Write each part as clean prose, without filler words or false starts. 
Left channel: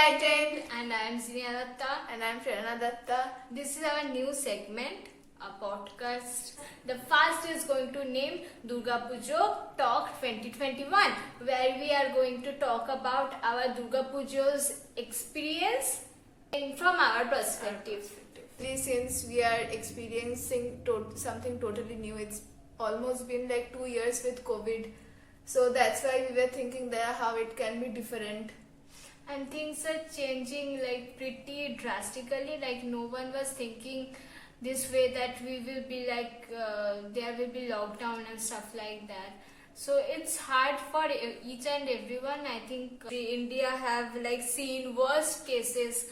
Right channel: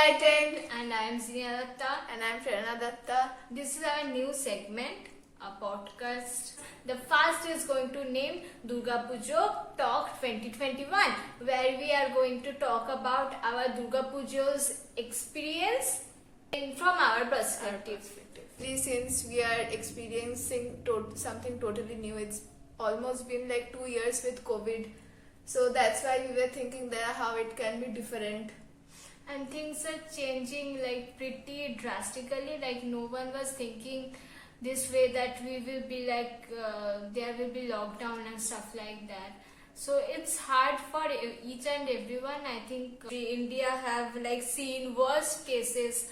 Enlightened. And I am Zinia Datta. And I'm Prerna Datta. This is our new segment, a podcast. The first is going to name Durga Pujo Talk 2021, where we are going to talk about our Durga Pujo's experience from our perspective. Since we are experiencing something totally new, it's almost been like 2 years with COVID. So that's why we were thinking that how it can be different. And things are changing like pretty drastically. Like no one was thinking this way that we will be like there will be lockdown and stuff like that. So it's hard for each and everyone. I think India have like seen worst cases.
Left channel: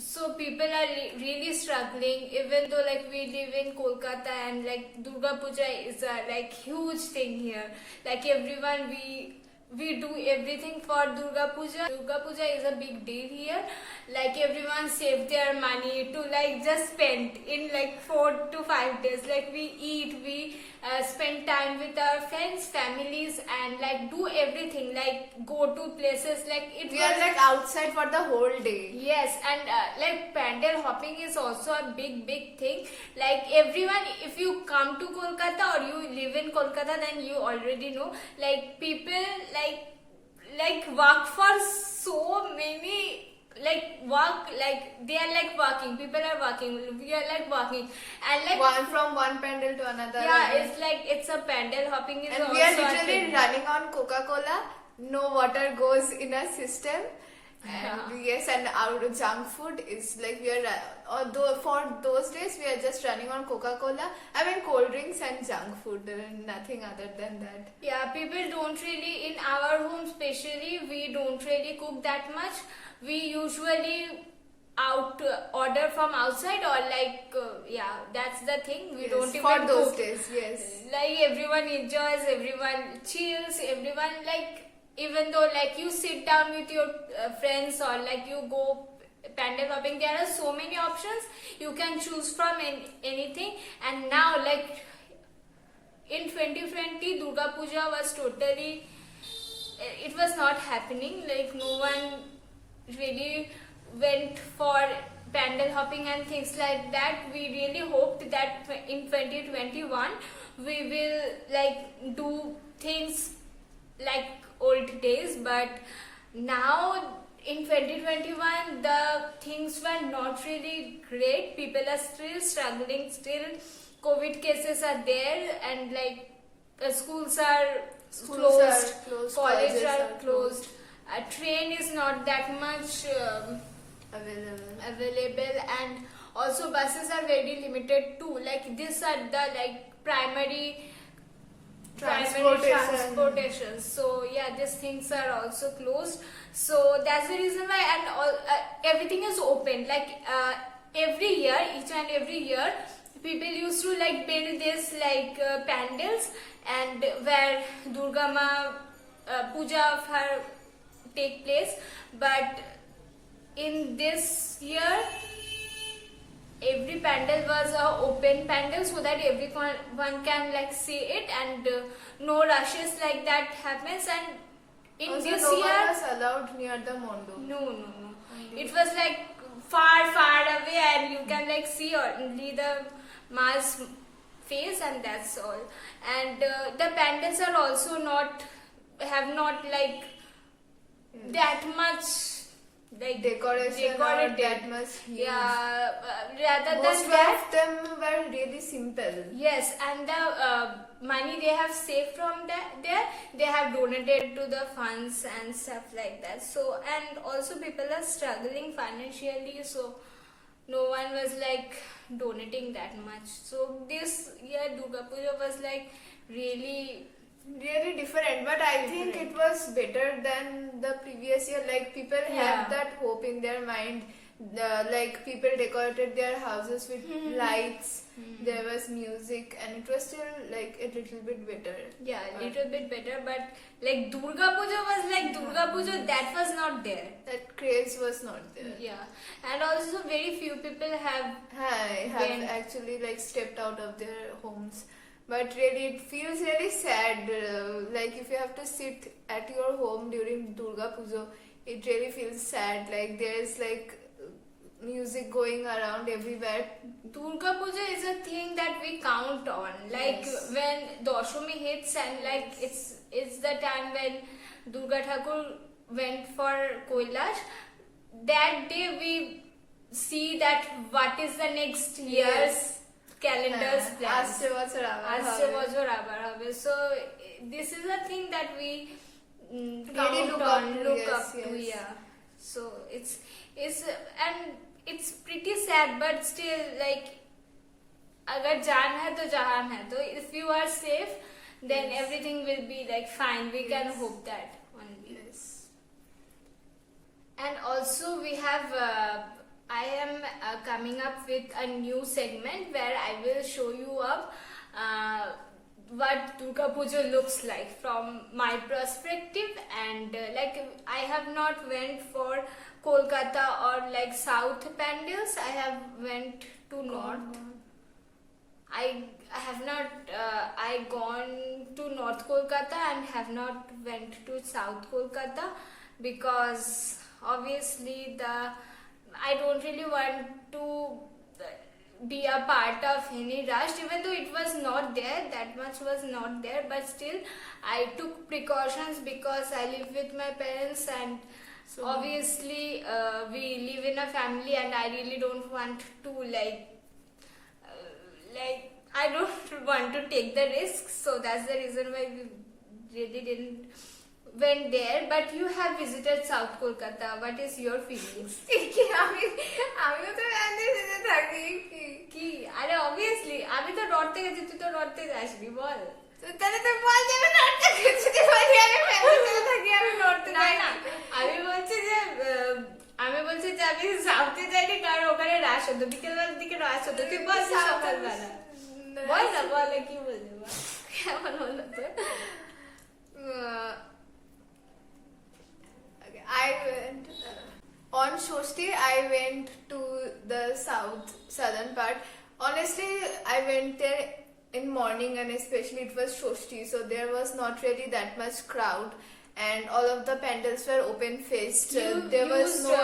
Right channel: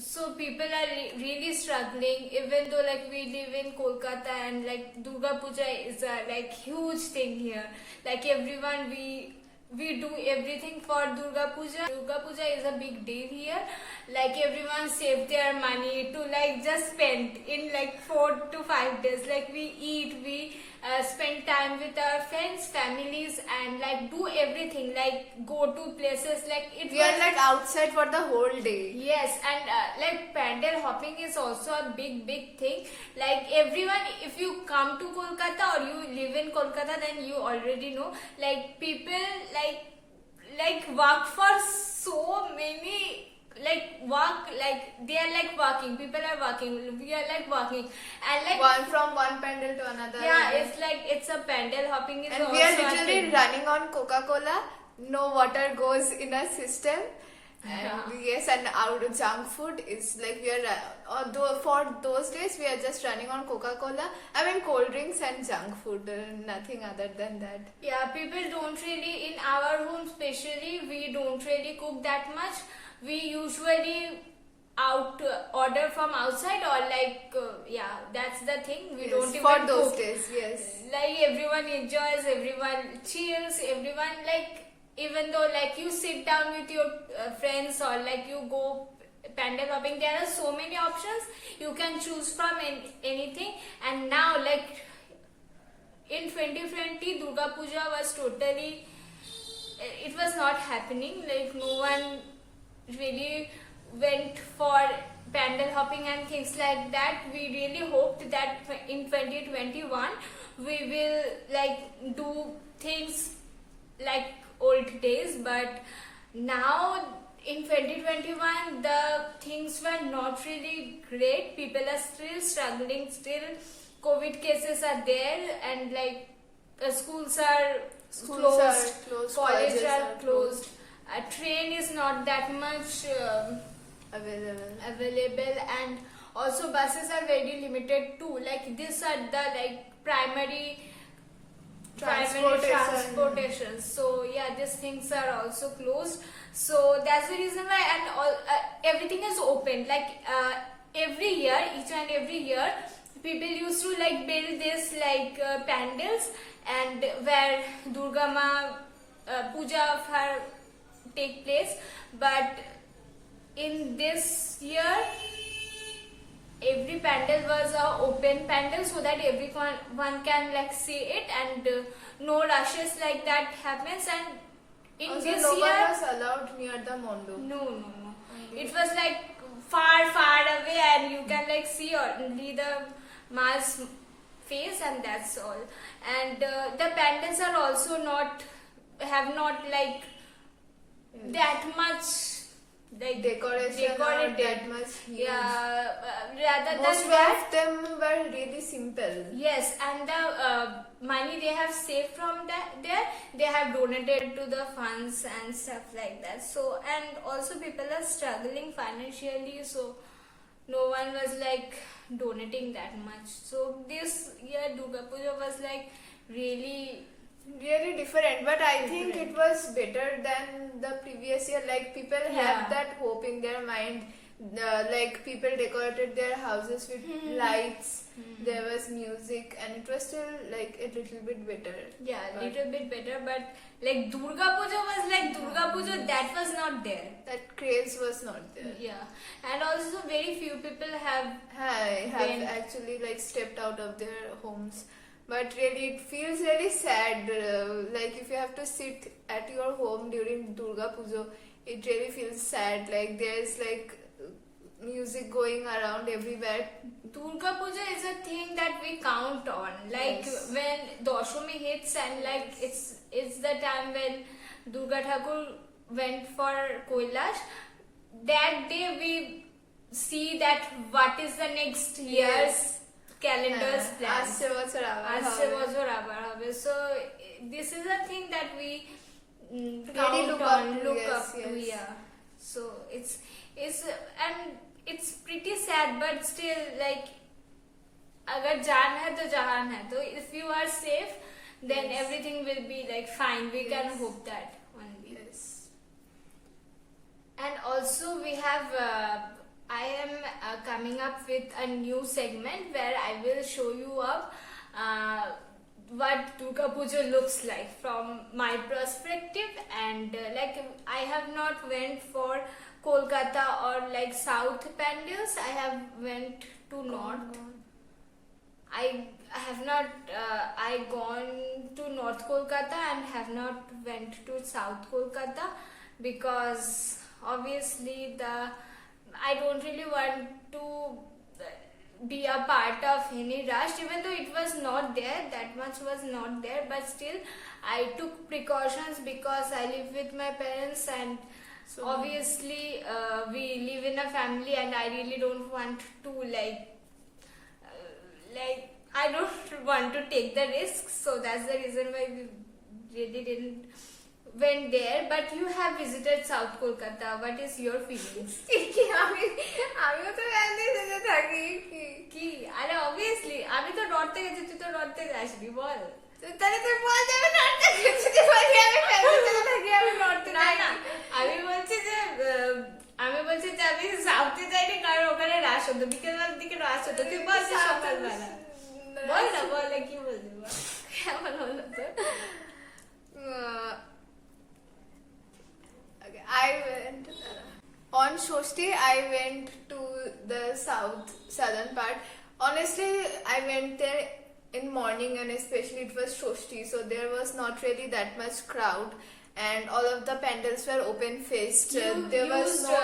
So people are really struggling, even though like we live in Kolkata and like Durga Puja is a like huge thing here. Like everyone we do everything for Durga Puja. Durga Puja is a big deal here. Like everyone save their money to like just spend in like 4 to 5 days. Like we eat, we spend time with our friends, families, and like do everything. Like go to places. Like we are like outside for the whole day. Yes, and like pandal hopping is also a big thing. Like everyone, if you come to Kolkata or you live in Kolkata, then you already know. Like people like work for so many. Like work, like they are like working. People are working. We are like working, and like from one pandal to another. Yeah, it's like it's a pandal hopping is and also we are a literally thing. running on Coca-Cola. No water goes in our system. And yes, and our junk food is like we are. Although for those days we are just running on Coca-Cola. I mean cold drinks and junk food, nothing other than that. Yeah, people don't really in our home, especially we don't really cook that much. We usually order from outside or like that's the thing. We Yes, don't even for those cook. days. Yes, Like everyone enjoys, everyone chills, everyone like even though like you sit down with your friends or like you go pandal hopping, there are so many options you can choose from anything. And now like in 2020 Durga Puja was totally, it was not happening. Like no one really went for pandal hopping and things like that. We really hoped that in 2021 we will like do things like old days, but now in 2021 the things were not really great. People are still struggling, still COVID cases are there, and like schools are closed, colleges are closed. A train is not that much available, and also buses are very limited too. Like these are the like primary transportation. So yeah, these things are also closed. So that's the reason why, and all everything is open. Like every year, each and every year, people used to like build this like pandals, and where Durga Ma puja of her take place. But in this year every pandal was a open pandal so that everyone can like see it, and no rushes like that happens. And in also, this no year one was allowed near the mondo. no it was like far away, and you can like see only the ma's face, and that's all. And the pandals are also have not like that much like decorated that much huge. Yeah, rather Most than that, of them were really simple. yes, and the money they have saved from there they have donated to the funds and stuff like that. So, and also people are struggling financially, so no one was like donating that much. So this year Durga Puja was like really different, but I think it was better than the previous year. Like people had that hope in their mind. Like people decorated their houses with lights. There was music, and it was still like a little bit better. Yeah, a little bit better, but like Durga Puja was like Durga Puja, that was not there. That craze was not there. Yeah, and also very few people have actually like stepped out of their homes. But really, it feels really sad. Like if you have to sit at your home during Durga Puja, it really feels sad. Like there's like music going around everywhere. Durga Puja is a thing that we count on. Like Yes. when Doshami hits and like it's the time when Durga Thakur went for Kailash. That day we see that what is the next year's calendar's plan. Asche bochor abar Asche hobe. bochor abar hobe. So this is a thing that we Really count look on, up to, look yes, up to, yes. yeah. So it's and it's pretty sad, but still like अगर जान है तो जहान है. So if you are safe, then Yes. everything will be like fine. We can Yes. hope that only. Yes. And also we have I am coming up with a new segment where I will show you up what Durga Puja looks like from my perspective, and like I have not went for Kolkata or like South pandals. I have went to North. I have not I gone to North Kolkata and have not went to South Kolkata because obviously I don't really want to be a part of any rush, even though it was not there, that much was not there, but still I took precautions because I live with my parents, and So- obviously we live in a family and I really don't want to like I don't want to take the risk, so that's the reason why we really didn't went there. But you have visited South Kolkata. What is your feelings? আমিও তো ভ্যানিসে থাকি কি আরে obviously আমি তো নর্থে গেছি, তুই তো নর্থে যাসনি, বল। তাহলে তুই বল যে আমি নর্থে গেছি বলি আমি ভ্যানিসে থাকি আমি নর্থে না না আমি বলছি যে আমি সাউথে যাইনি কারণ ওখানে রাশ হতো, বিকেলবেলার দিকে রাশ হতো। তুই বল যে সকালবেলা বল না, বল কি বলবি বল। কেমন হলো তো? I went on Shoshti. I went to the southern part. Honestly, I went there in morning, and especially it was Shoshti, so there was not really that much crowd, and all of the pandals were open faced. There was no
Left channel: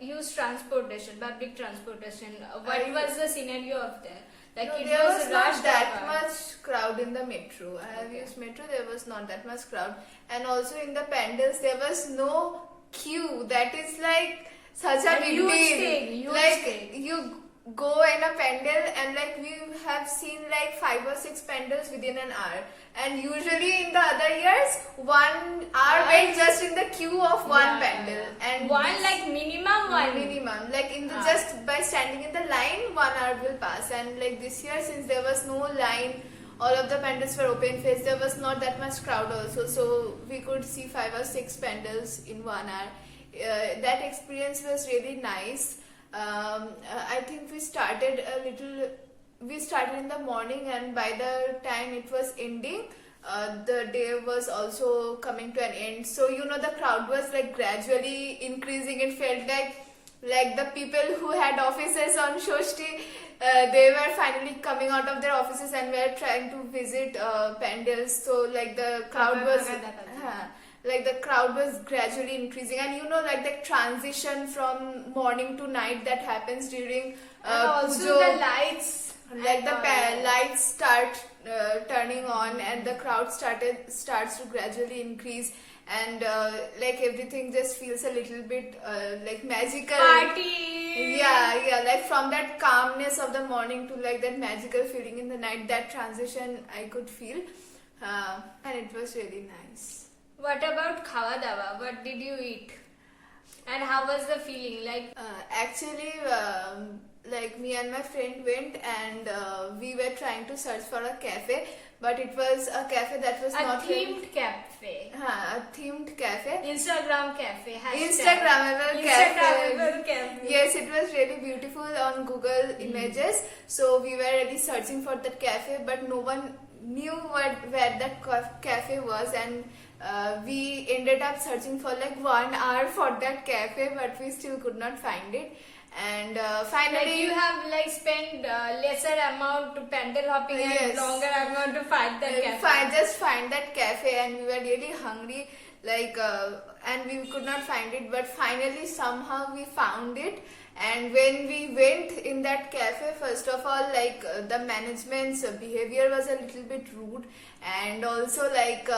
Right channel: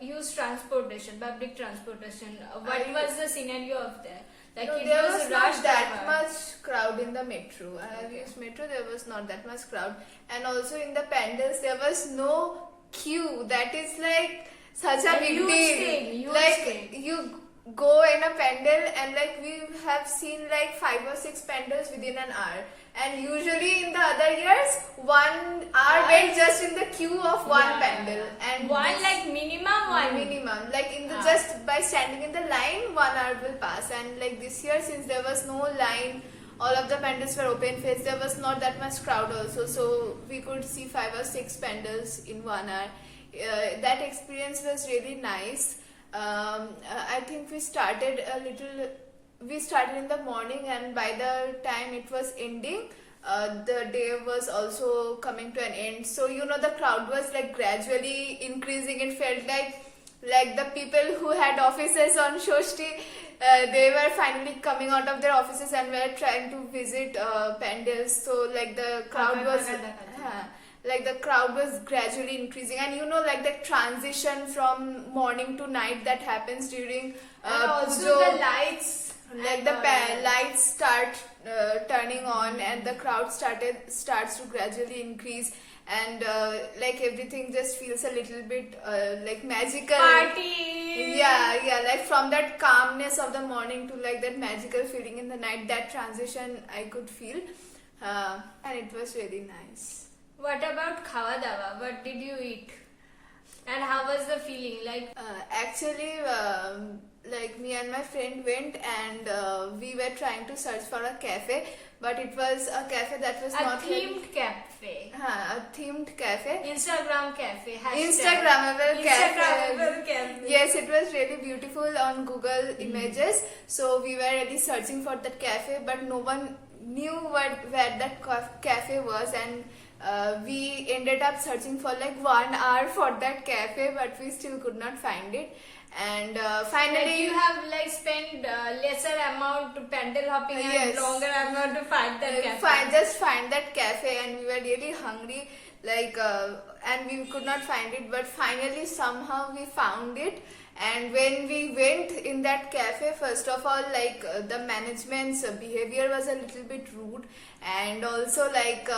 use transportation, public transportation. What was the scenario of there? Like no, it there was not rushed that hour. much crowd in the metro. I have Okay. used metro, there was not that much crowd. And also in the pandals, there was no queue. That is like such a And big huge deal. thing, huge like thing. you go in a pandal and like we have seen like 5 or 6 pandals within an hour. And usually in the other years, 1 hour went just in the queue of one Yeah, pandal. yeah. And One this- like minimum one. minimum like in the Ah. just by standing in the line 1 hour will pass, and like this year since there was no line, all of the pandals were open faced, there was not that much crowd also, so we could see 5 or 6 pandals in 1 hour. That experience was really nice. I think we started in the morning, and by the time it was ending, the day was also coming to an end. So the crowd was like gradually increasing. It felt like the people who had offices on Shoshti, they were finally coming out of their offices and were trying to visit pandals. So like the crowd was like the crowd was gradually increasing, and like the transition from morning to night that happens during And also Pujo. the lights. Like and the all that. lights start turning on, and the crowd starts to gradually increase, and like everything just feels a little bit like magical. Party. Yeah, like from that calmness of the morning to like that magical feeling in the night, that transition I could feel, and it was really nice. What about Khawa Dawa? What did you eat? And how was the feeling? Like Actually, like me and my friend went, and we were trying to search for a cafe, but it was a cafe that was a not themed cafe. a themed cafe. Instagram cafe. Hashtag. Instagrammable Instagrammable cafe. cafe. Yes, it was really beautiful on Google Images. So we were really searching for that cafe, but no one knew where that cafe was, and we ended up searching for like 1 hour for that cafe, but we still could not find it. And finally, Like you have like spent lesser amount to pandal hopping and Yes. longer amount to find that cafe. just find that cafe, and we were really hungry. like and we could not find it, but finally somehow we found it. And when we went in that cafe, first of all, like the management's behavior was a little bit rude, and also like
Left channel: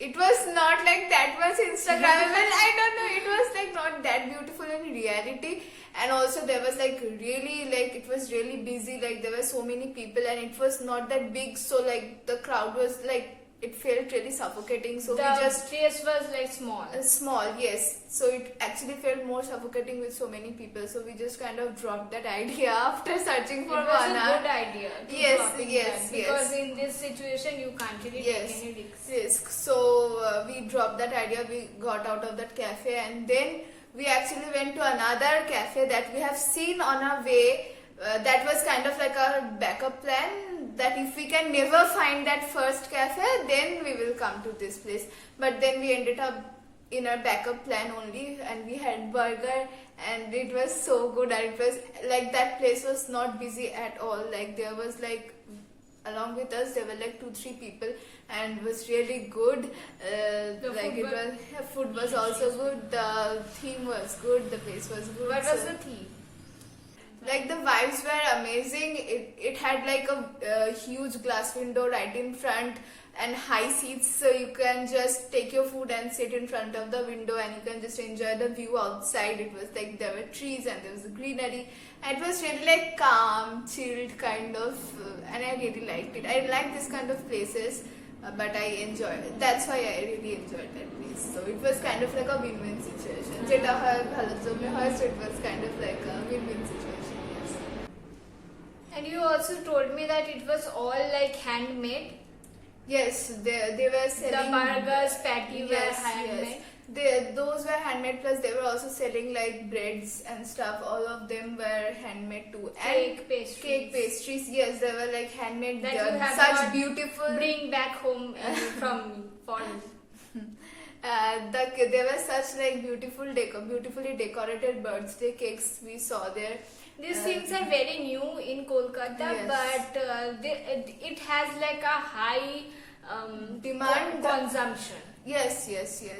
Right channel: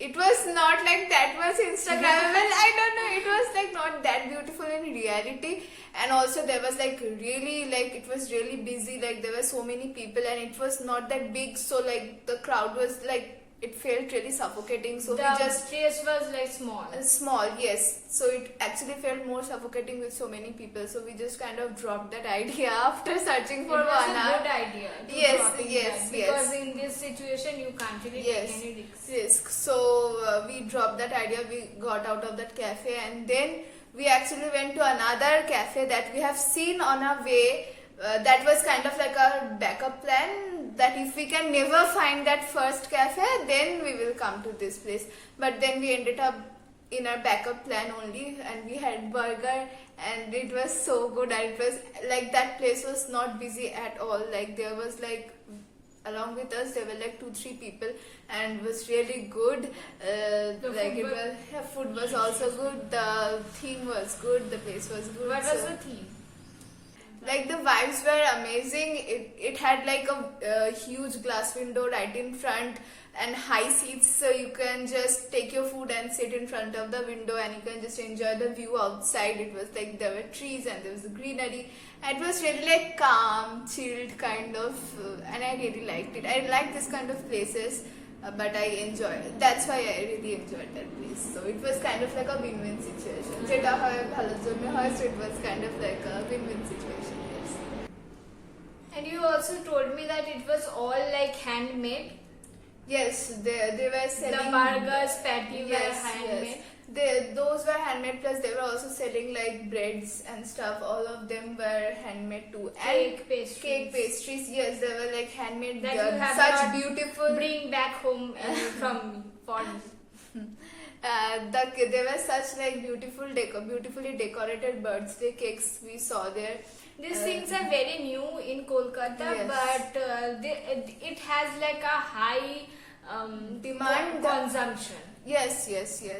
it was not like that much Instagrammable. I don't know, it was like not that beautiful in reality. And also there was like really, like it was really busy, like there were so many people, and it was not that big, so like the crowd was like, it felt really suffocating, so The we just place was like small. small, yes, so it actually felt more suffocating with so many people, so we just kind of dropped that idea after searching for It was 1 a hour. good idea to Yes, dropping yes, that, yes. because in this situation you can't really Yes, take any risks. risk. So we dropped that idea, we got out of that cafe, and then we actually went to another cafe that we have seen on our way. That was kind of like a backup plan, that if we can never find that first cafe, then we will come to this place. But then we ended up in our backup plan only, and we had burger, and it was so good. And it was like, that place was not busy at all. Like there was like, along with us there were like 2-3 people, and it was really good. Like it was, food was also good, the theme was good, the place was good. What was so- the theme? like the vibes were amazing. It had like a huge glass window right in front, and high seats, so you can just take your food and sit in front of the window, and you can just enjoy the view outside. It was like there were trees and there was greenery, and it was really like calm, chilled kind of, and I really liked it. I like this kind of places, but I enjoyed it. That's why I really enjoyed that place. So it was kind of like a win-win situation. যেটা হয় ভালোর জন্য হয়, so it was kind of like a win-win situation. Yes. And you also told me that it was all like handmade. Yes, they were selling The burgers, patty were Yes, handmade. yes. Those were handmade, plus they were also selling like breads and stuff. All of them were handmade too. Cake, And pastries. cake pastries, yes, they were like handmade. That you have such not beautiful. Bring back home from foreign. There were such like beautifully decorated birthday cakes we saw there. These things are very new in Kolkata, Yes. but it has like a high Demand. consumption. Yes.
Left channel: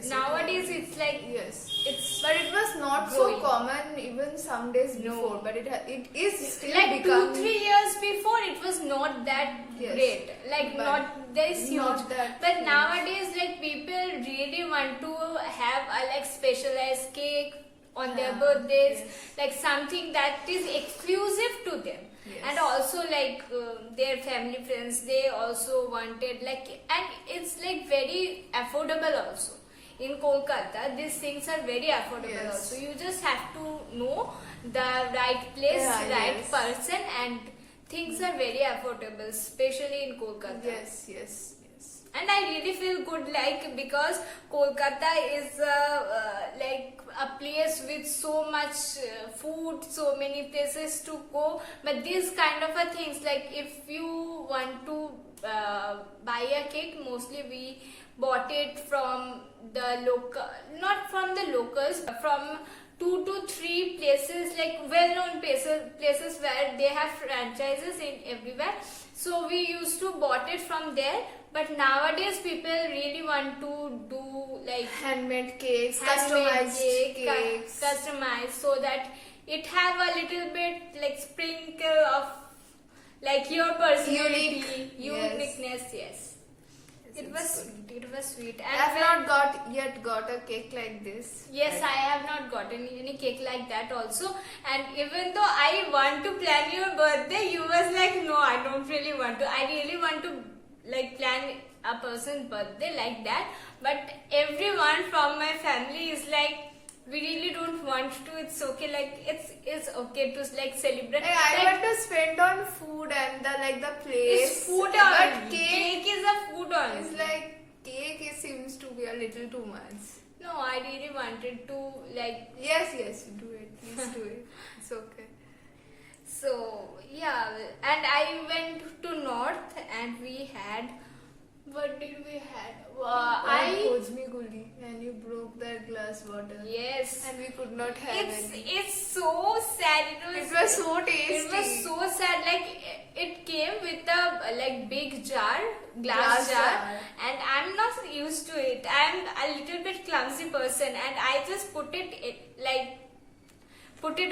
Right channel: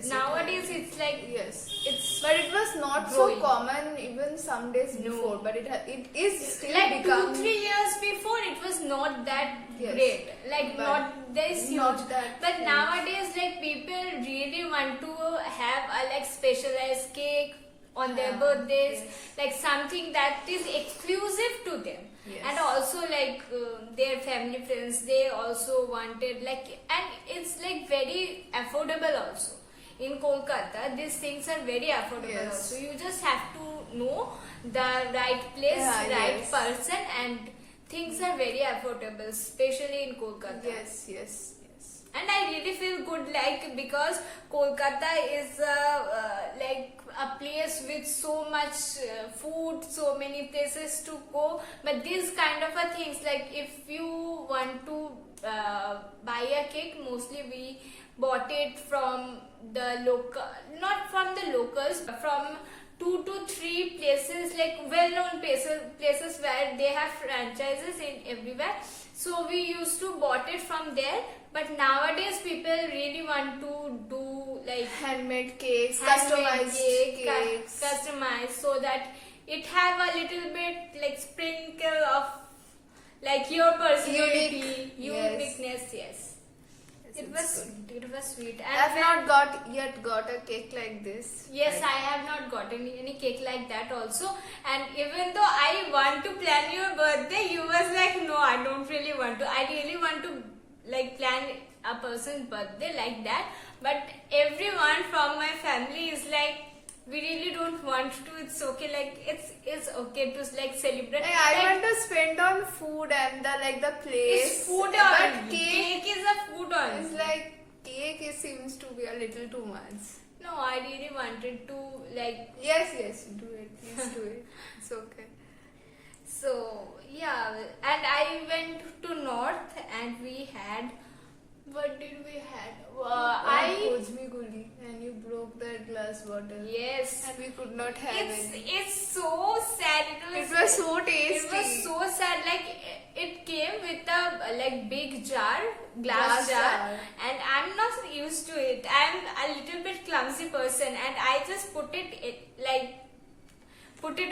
Nowadays it's like Yes. it's But it was not growing. so common even some days No. before. But it is still like becoming 2-3 years before it was not that Yes. great, like But not there is not huge. that But huge. nowadays like people really want to have a like specialized cake on their Yeah, birthdays, yes. like something that is exclusive to them. Yes. And also like their family friends, they also wanted like, and it's like very affordable also. In Kolkata these things are very affordable Yes. also. You just have to know the right place, Yeah, right yes. person, and things are very affordable, especially in Kolkata. Yes. And I really feel good, like because Kolkata is like a place with so much food, so many places to go. But these kind of a things, like if you want to buy a cake, mostly we bought it from the local, not from the locals, from 2 to 3 places, like well-known places where they have franchises in everywhere. So we used to bought it from there. But nowadays people really want to do like Handmade cakes, handmade customized cakes. customized, so that it have a little bit like sprinkle of like your personality, Yes. uniqueness. Yes. It was sweet. And I've not got a cake like this. yes, I have not gotten any cake like that also. And even though I want to plan your birthday, you was like, no, I don't really want to. I really want to like plan a person's birthday like that. But everyone from my family is like, we really don't want to. It's okay. Like it's okay to like celebrate. And I Like, want to spend on food and the place. it's food But only. cake Cake is a food only. is like, cake it seems to be a little too much. No, I really wanted to like. Yes, do it. Please do it. It's okay. So yeah, and I went to north and we had What did we had? Hojmi Guli, and you broke that glass bottle. Yes. And we could not have it. It's so sad. It was so tasty. It was so sad. Like it came with a like big jar, glass jar, and I'm not used to it. I'm a little bit clumsy person, and I just put it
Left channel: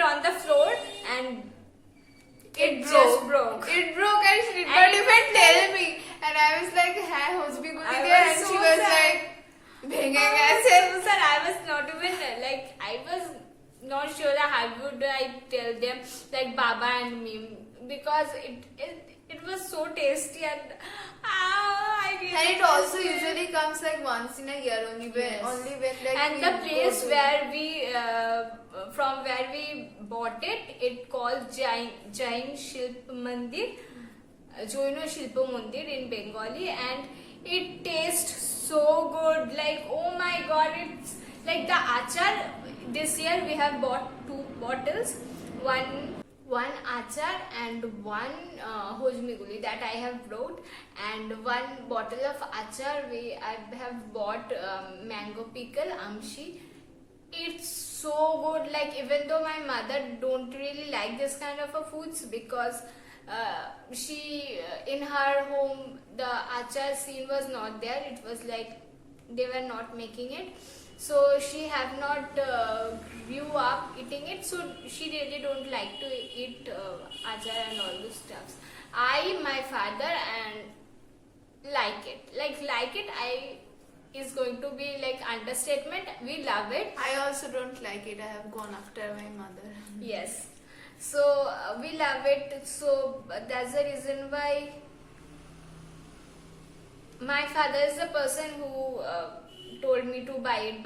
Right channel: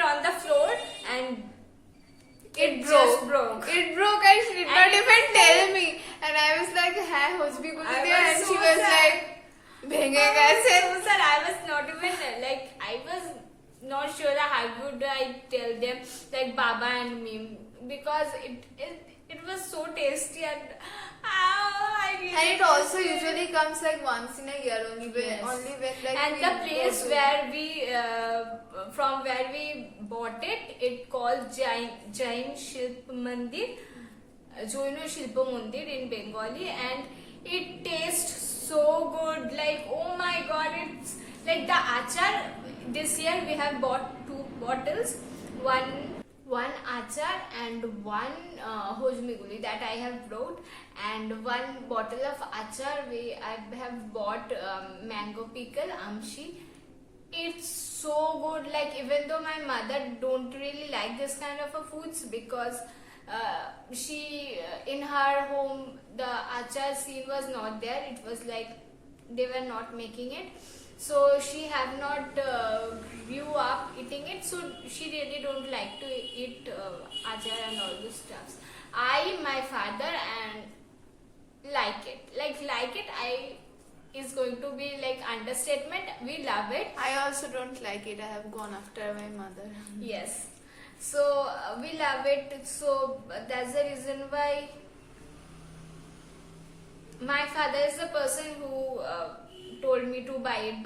on the floor, and it just broke. It broke, and she did not even tell me. And I was like, "Hi, Hojmi Guli there," and she was like, "Bhenge kaise?" So sad. I was not even like I was not sure that how would I tell them like Baba and me, because it was so tasty, and I really And it also usually comes like once in a year only, Yes. when like and we the go place to- where we from where we bought it called Jain Shilp Mandir, Jain Shilpa Mandir in Bengali, and it tastes so good. Like, oh my god, it's like the achar. This year we have bought 2 bottles, one achar and one Hojmi Guli that I have brought, and 1 bottle of achar I have bought mango pickle amshi. It's so good. Like, even though my mother don't really like this kind of a foods, because she in her home the achar scene was not there. It was like they were not making it, so she have not grew up eating it, so she really don't like to eat achar and all these stuffs. My father and like it I is going to be like understatement. We love it. I also don't like it. I have gone after my mother. Yes, so we love it. So that's the reason why my father is the person who told me to buy it.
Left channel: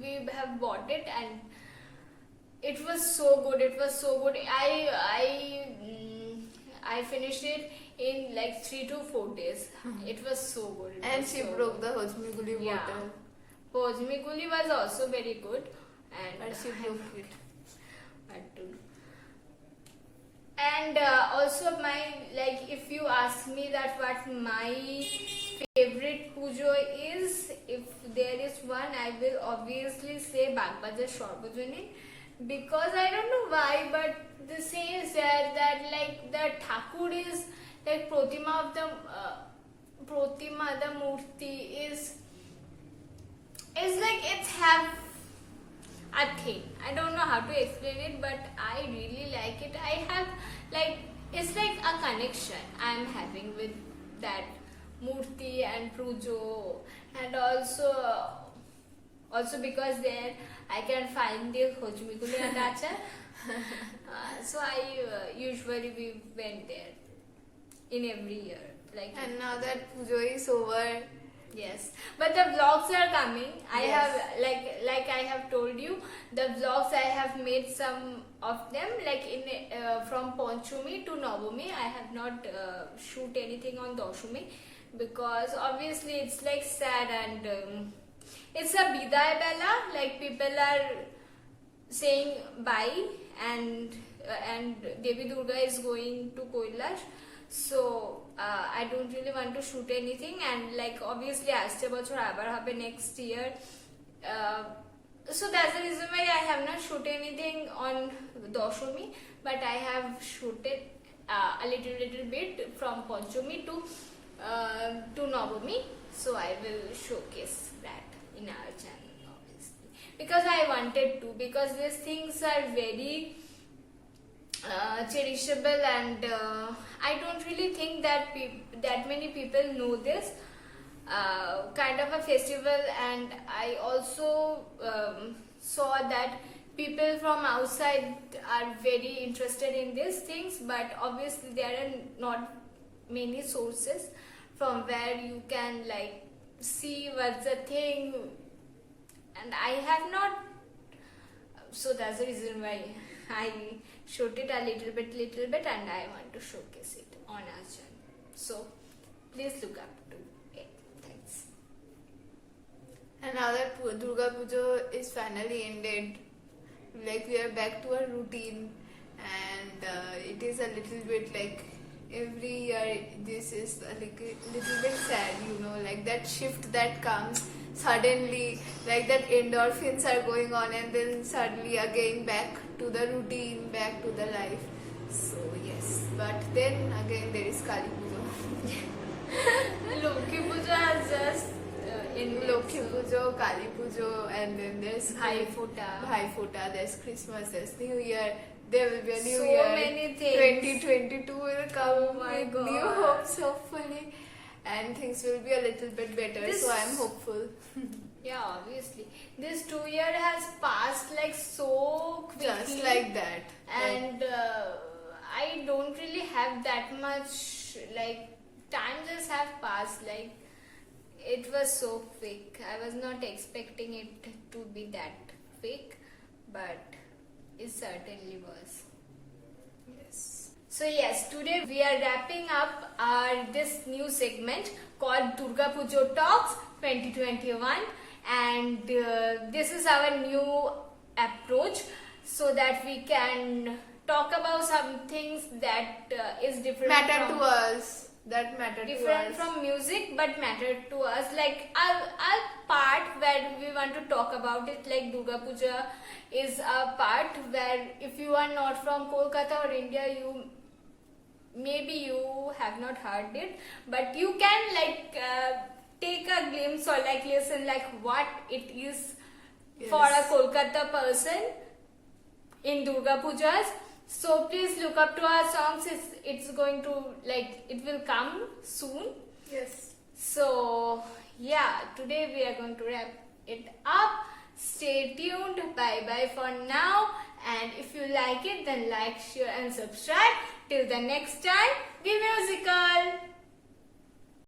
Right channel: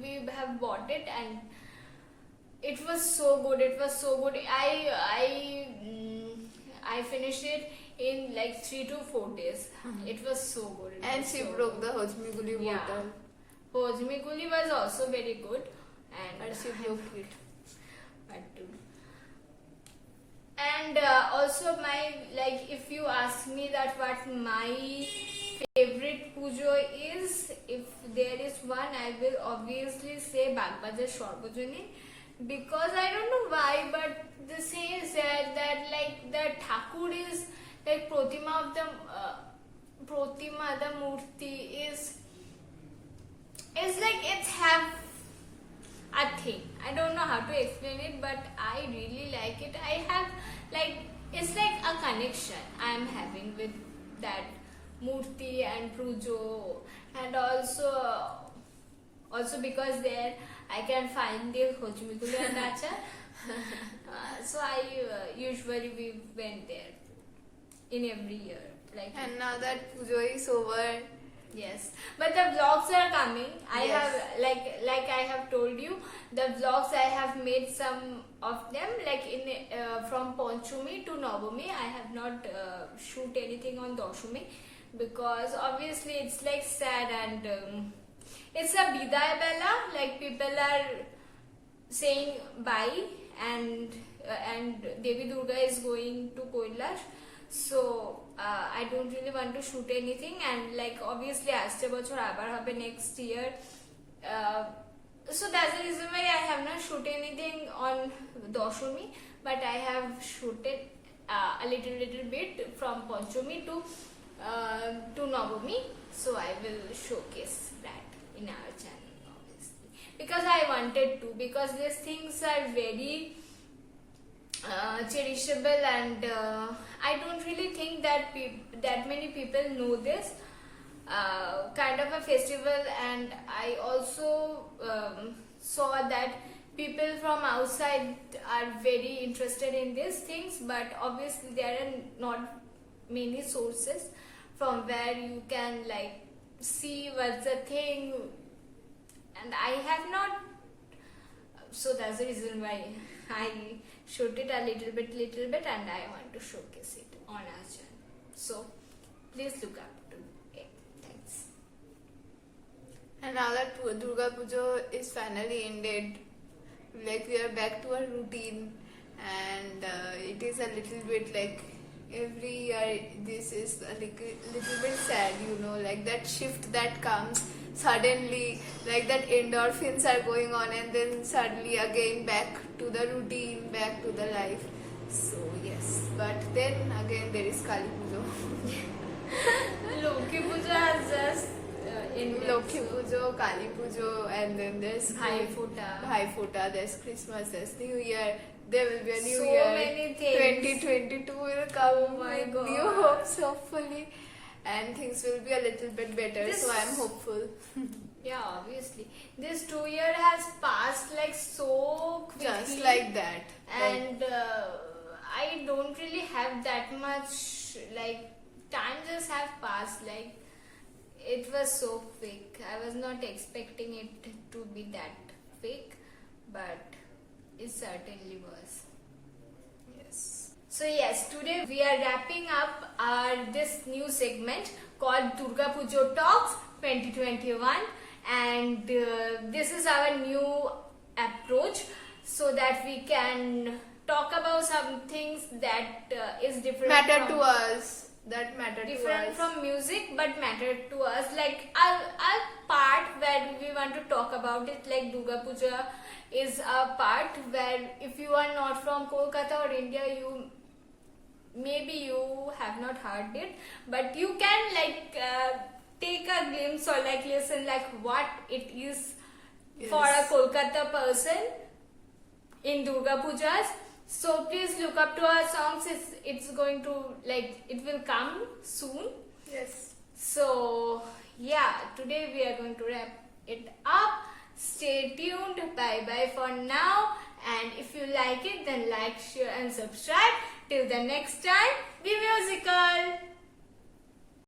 We have bought it, and it was so good. I finished it in like 3 to 4 days. It was so good. It And was she so broke good. the Hojmi Guli Yeah. bottle. Hojmi Guli was also very good, and But she broke it. What to do. And also if you ask me that what my favorite pujo is, if there is one, I will obviously say Bagbajar Sarvajনীন, because I don't know why, but the saying said that like the Thakur is like Pratima of the Murti is like it's have a thing. I don't know how to explain it, but I really like it. I have like it's like a connection I am having with that Murti and Pujo, and also because there I can find the Hojmi Guli and achar. So I usually we went there in every year. Like, And now that pujo is over, yes, but the vlogs are coming. I Yes. have like I have told you, the vlogs I have made some of them like in from Panchami to Navami. I have not shoot anything on Dashami, because obviously it's like sad, and it's a Bidai Bella. Like, people are saying bye, and Devi Durga is going to Kailash. So I don't really want to shoot anything, and like obviously আসছে বছর আবার হবে next year. So that's the reason why I have not shoot anything on Dashami, but I have shooted a little bit from Panchami to Navami. So I will showcase that in our channel, obviously, because I wanted to, because these things are very cherishable, and I don't really think that that many people know this kind of a festival. And I also saw that people from outside are very interested in these things, but obviously there are not many sources from where you can like see what's the thing, and I have not. So that's the reason why I shoot it a little bit, and I want to showcase it on our channel. So please look up to it. Thanks. and now that Durga Puja is finally ended, like we are back to our routine, and it is a little bit like every year this is a little bit sad, you know, like that shift that comes suddenly, like that endorphins are going on and then suddenly again back to the routine, back to the life. So yes, but then again there is Kali Puja. Loki Puja has just in Lokhi Pujo, Kali Pujo, and then there's Bhai Phuta. Bhai Phuta, there's Christmas, there's New Year, there will be a New So Year. many things. 2022 will come Oh my with God. new hopes, hopefully, and things will be a little bit better. So I'm hopeful. Yeah, obviously. This 2 year has passed like so quickly. Just like that. And I don't really have that much, like, time just have passed, like, it was so quick. I was not expecting it to be that quick, but it certainly was. Yes. So yes, today we are wrapping up our this new segment called Durga Pujo Talks 2021, and this is our new approach so that we can talk about some things that is different Matter from, to us. That matter to different us. from music but matter to us, like our part where we want to talk about it, like Durga Puja is a part where if you are not from Kolkata or India, maybe you have not heard it, but you can like take a glimpse or like listen like what it is for a Yes. Kolkata person in Durga Pujas. So please look up to our songs. It's going to like it will come soon. Yes. So yeah, today we are going to wrap it up. Stay tuned. Bye bye for now. And if you like it, then like, share, and subscribe. Till the next time, be musical.